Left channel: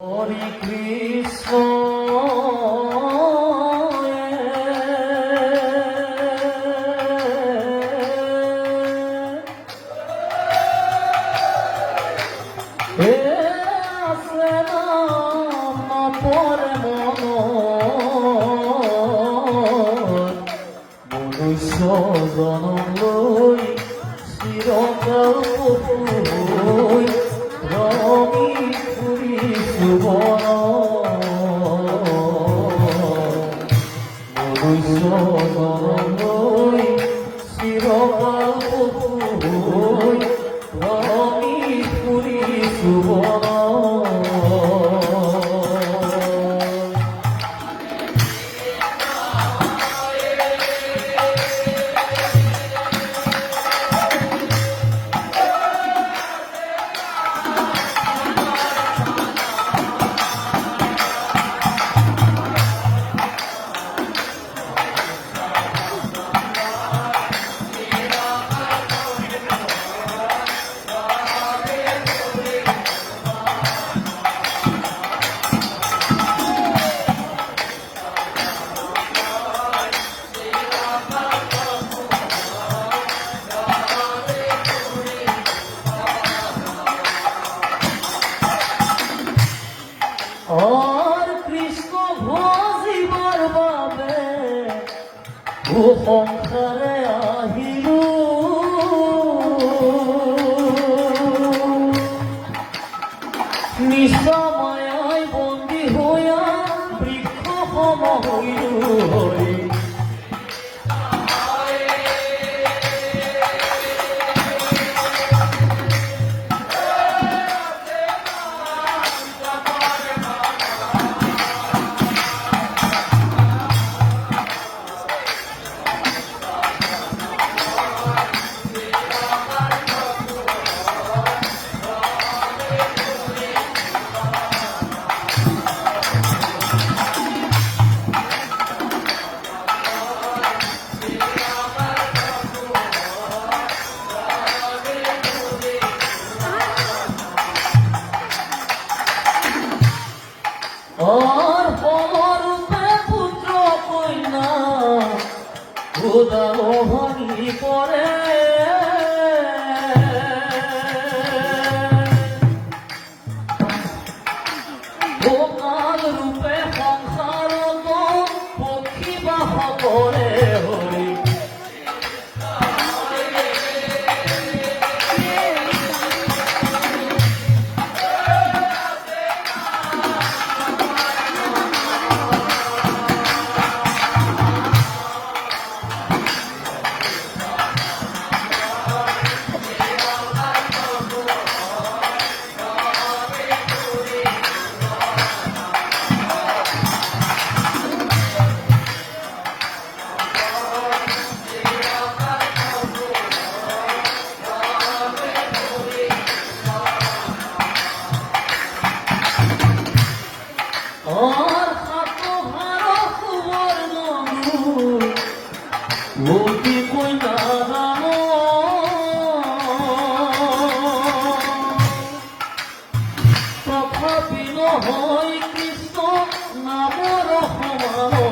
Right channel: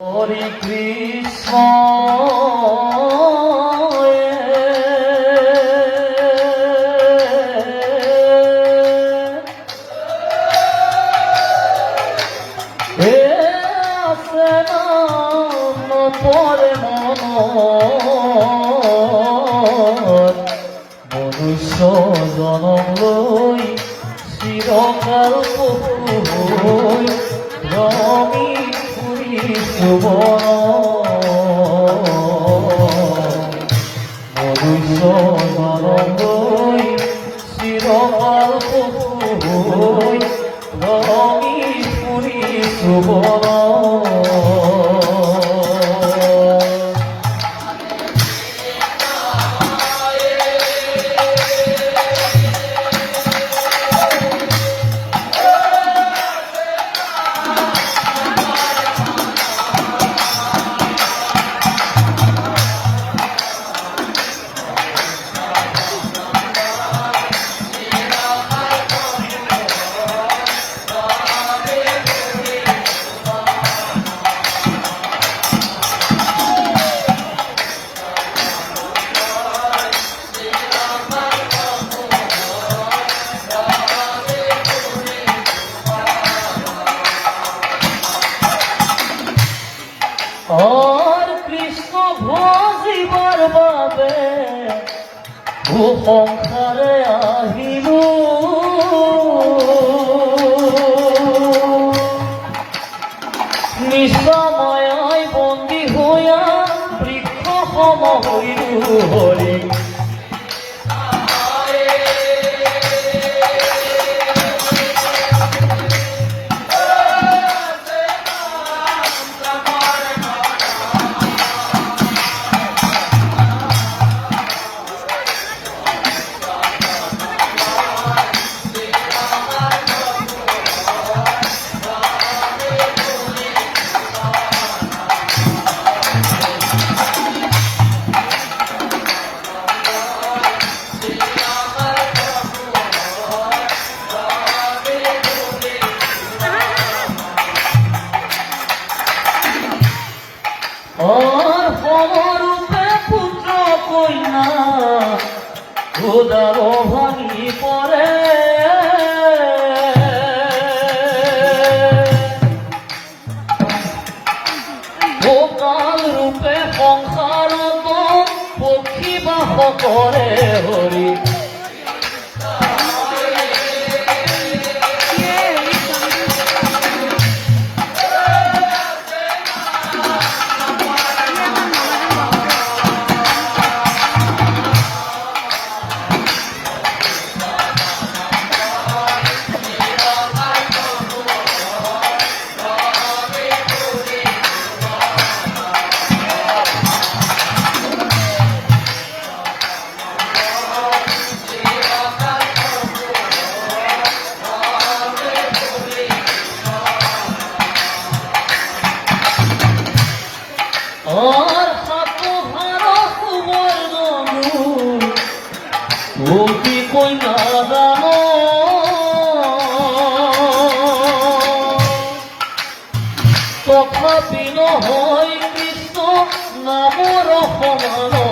হরে কৃষ্ণ হে আছে নাম পরে মন মনুষ্য জনম লৈ চিরকাল হই রমি ফুরি মনুষ্য জনম লৈ চিরকাল হই রমি ফুরি সুবন और कृष्ण भजिबार बाबे संसारे आहिलु निशामायाय बंदी हइया बृक्ष सम हइलु हरि और समरूपे पुत्र कन्या उदार भांगी पड़े गोपाल रूपे संसार पक्षी बास करे हरि और हाथ भरा सुवर्ण गोपी कन्या दान तथापि নহয় কৃষ্ণ নামৰ সমান